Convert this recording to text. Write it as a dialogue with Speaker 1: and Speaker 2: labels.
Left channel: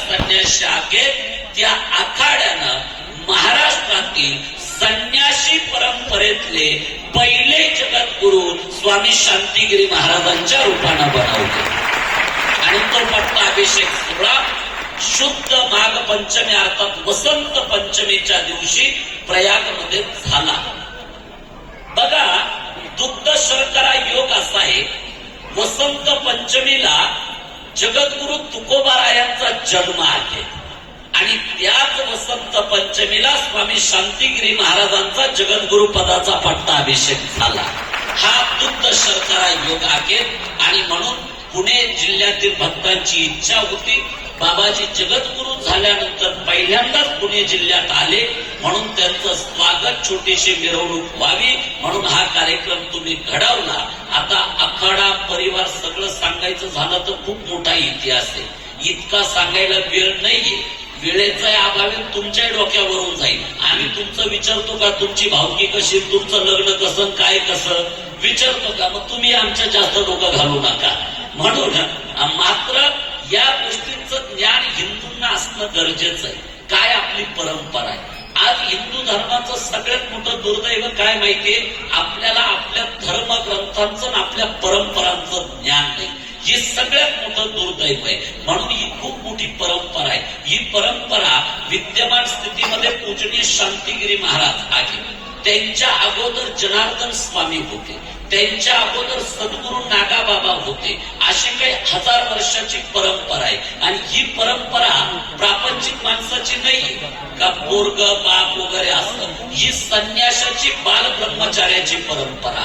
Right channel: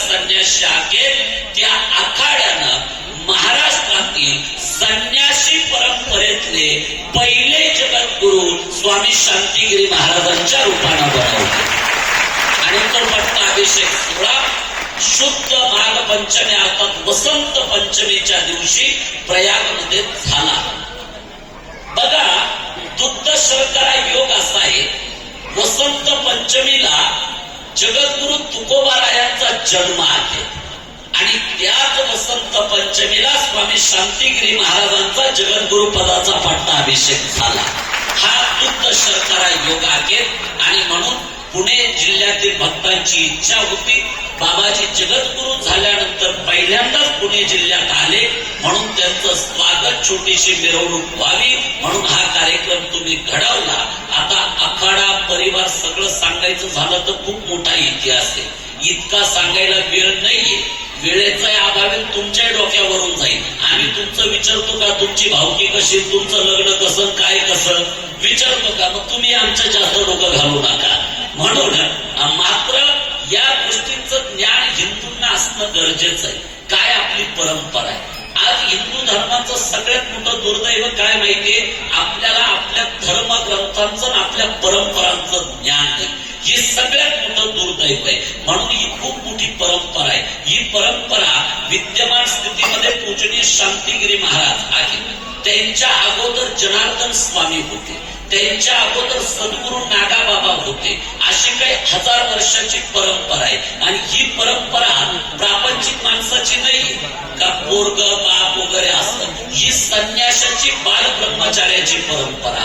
Speaker 1: संन्यासी शाखेत त्या आखाड्यानं महाराष्ट्रातील संन्यासी परंपरेतले पहिले जगद्गुरु स्वामी शांतिगिरी महाराजांच्या रूपानं बनवले. आणि तो पट्टाभिषेक सोहळा शुद्ध माघ पंचमी अर्थात वसंत पंचमीच्या दिवशी प्रयागमध्ये झाला. बघा दुग्ध शर्करा योग असा आहे वसंत पंचमीला जगद्गुरु तुकोबारायांचा जन्म आहे. आणि त्याच वसंत पंचमीला स्वामी शांतिगिरी महाराजांचा जगद्गुरु पदाचा पट्टाभिषेक झाला. हा बुद्ध शर्करा योग आहे. आणि म्हणून पुणे जिल्ह्यातील भक्तांची इच्छा होती. बाबाजी जगद्गुरु झाल्यानंतर पहिल्यांदाच पुणे जिल्ह्यात आले. म्हणून त्यांचं स्वागत छोटीशी मिरवणूक व्हावी. म्हणून हा कार्यक्रम तुम्ही घडवला. आता आखाडा परिवार सगळं सांगायचं झालं तर खूप मोठा इतिहास आहे. इतका सांगायला वेळ नाहीये. वेळेचा अभावी तुमच्या डोक्यावरून जाईल. आम्ही तुमचं विचारतो का तुमची भावकी कशी तुमचं लग्न कसं काय कसं? विचारतो का मग तुम्ही आमच्या जास्त डोकं घालू नका. म्हणून मात्र या गोष्टींचं ज्ञान हिंदूंना असणं गरजेचं आहे. काय आपली परंपरा आहे? आज हिंदू धर्माचं सगळ्यात मोठं दुर्दैव काय माहितीये? आपल्याला आपल्या धर्मग्रंथांचं आणि आपल्या परंपरांचं ज्ञान नाही हे सगळ्यात मोठं दुर्दैव आहे. म्हणून ही खूप मोठी परंपरा आहे. ही परंपरा विद्यमान स्थितीमध्ये पूजनीय शांतिगिरी महाराज आहे. त्यांच्या अगोदर जनार्दन स्वामी होते. त्यांच्या अगोदर सद्गुरू नागाबाबा होते. अशी काही हजार वर्षाची परंपरा आहे. आणि ही परंपरा प्रापंचिक माणसाची नाही का पोरग बाप वगैरे असत. ही संन्यासाची बाल ब्रह्मचार्याची परंपरा